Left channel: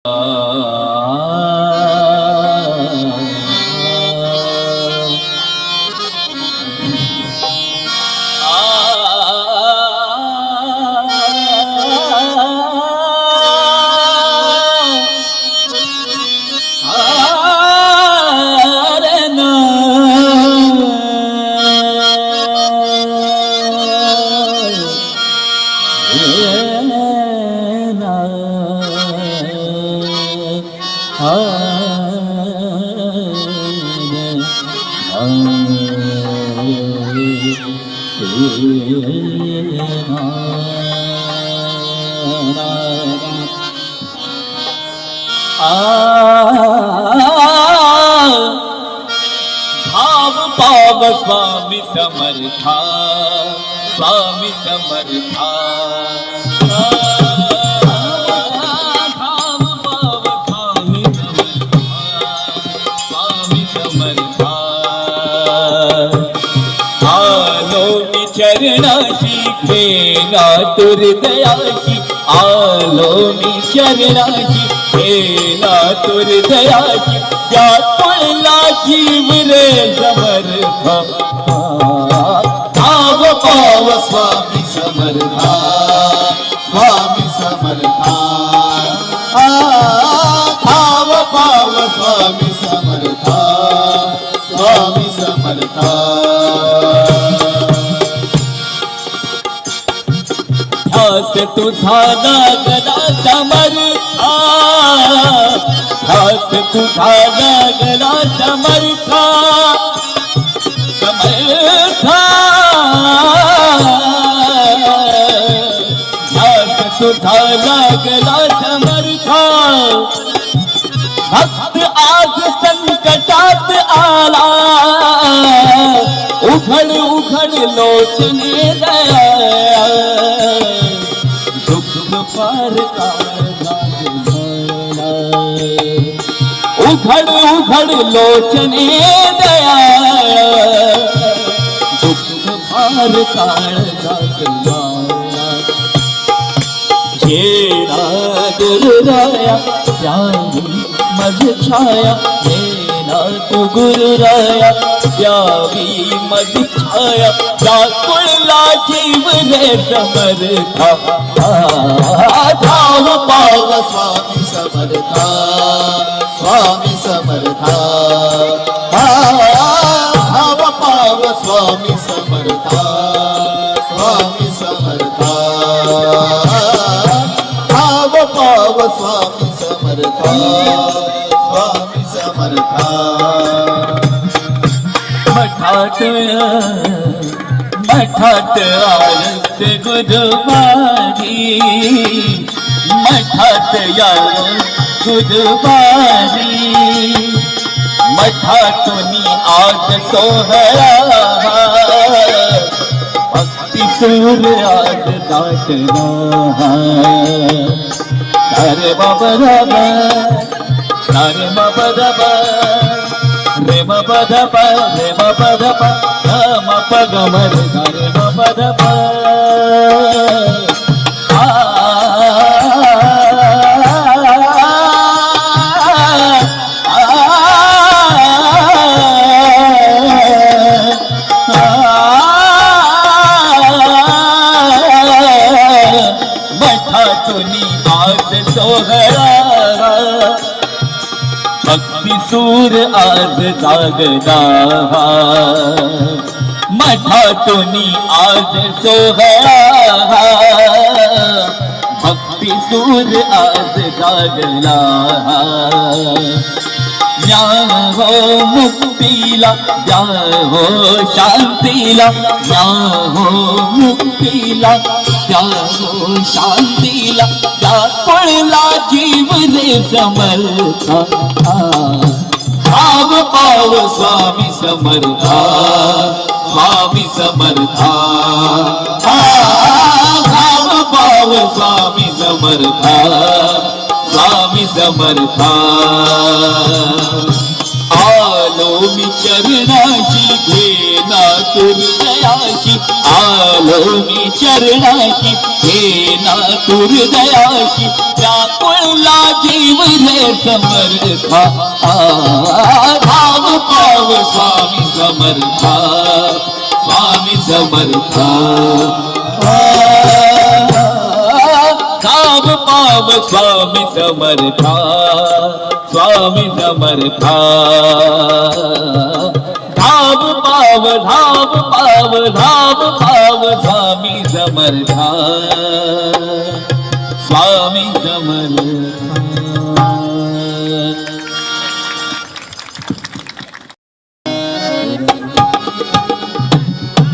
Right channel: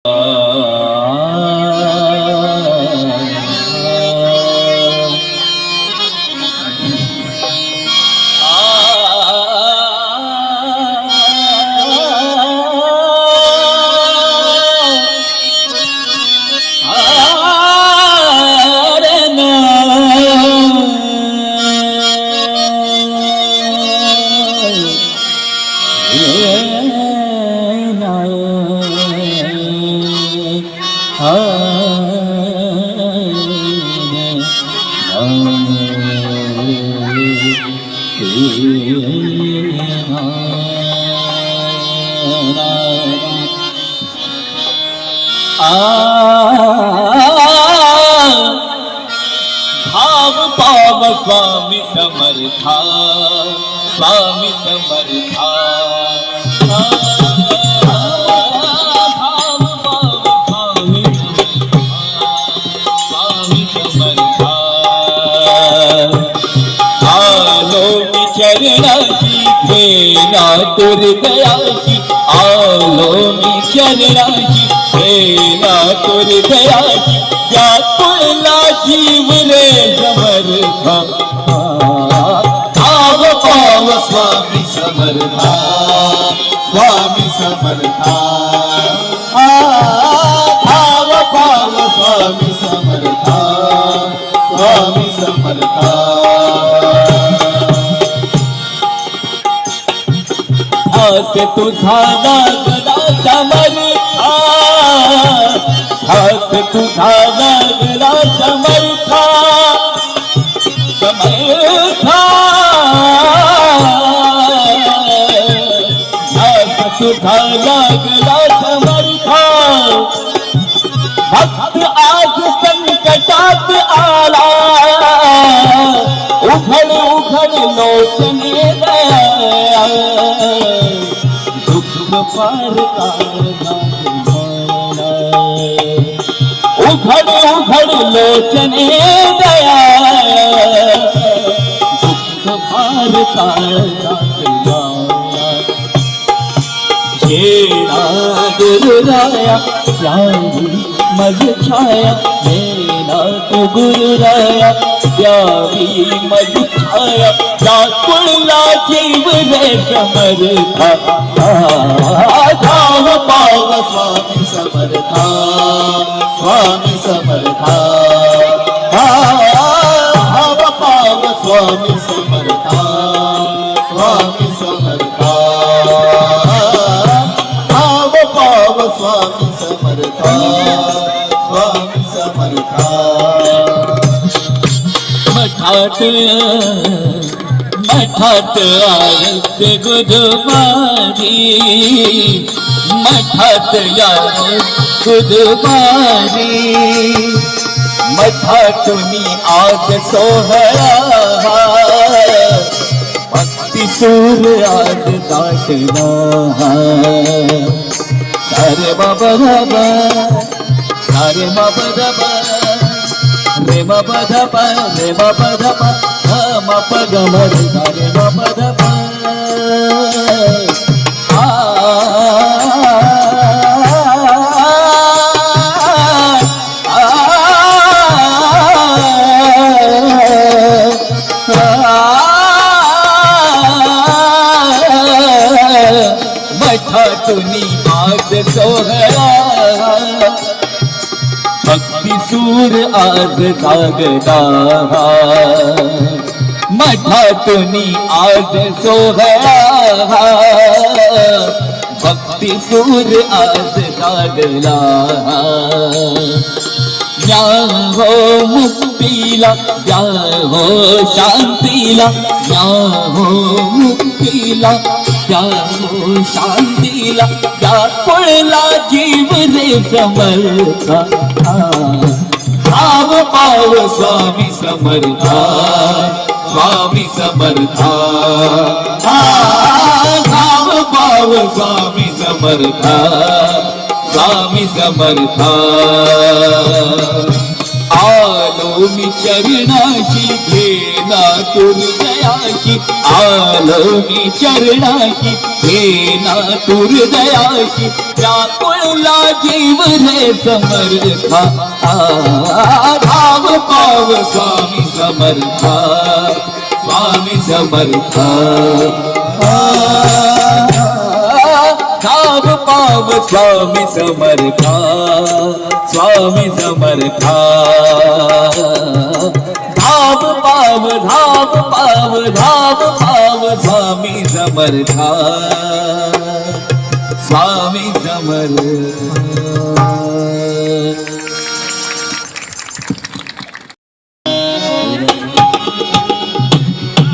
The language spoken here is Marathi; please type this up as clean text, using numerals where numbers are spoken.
भाव पाव स्वामी समर्था, स्वामी समर्था। भाव पाव स्वामी समर्था, स्वामी समर्था। आलो मी चरणाची घेना तुर दयाची, आलो मी चरणाची घेना तुर दयाची। या तुळला जीव रे समर्था, भाव पाव स्वामी समर्था, स्वामी समर्था। भाव पाव स्वामी समर्था, स्वामी समर्था। हात तुझा लागला समर्था, हात तुझा लागला समर्था, समर्था। हात तुझा लागला समर्था। भक्त आज संकटात आला, उघड उघड लोचने दया। दुःख पार काढला, उघड उघड लोचने दया। दुःख पार काढला, येणा गुरुराया प्यारी मज छाया, येणा तू गुरुराया प्यारी मज छाया। कुळला जीव रे समर्था, भाव पाव स्वामी समर्था, स्वामी समर्था। भाव पाव स्वामी समर्था, स्वामी समर्था। भाव पाव स्वामी समर्था, स्वामी समर्था। मठात मठात आयत गुरुवारी, मठात आयत गुरुवारी। मठातून आज सोहळा, भक्ती सूर आज दाटला। सारे बाबा दाबा, सारे बाबा दाबा, रे बाबा दाबा, रे बाबा दाबा, म प ग म रे गा रे बाबा दाबा। मठातून आज सोहळा, भक्ती सूर आज जागला। मठातून आज सोहळा, भक्ती सूर आज जागला। या हो मुक्तीला, या हो शांतीला, या हो मुक्तीला, या हो शांतीला। या कुळला जीव रे समर्था, भाव पाव स्वामी समर्था, स्वामी समर्था। भाव पाव स्वामी समर्था, स्वामी समर्था। आलो मी चरणाशी घेना तुर्दयाशी आलो मी चरणाशी घेना तुर्दयाशी व्याकुळला जीव रे समर्था भाव पाव स्वामी समर्था स्वामी समर्था भाव पाव स्वामी समर्था स्वामी समर्था धाव पाव धाव पाव धाव पाव स्वामी समर्था स्वामी समर्था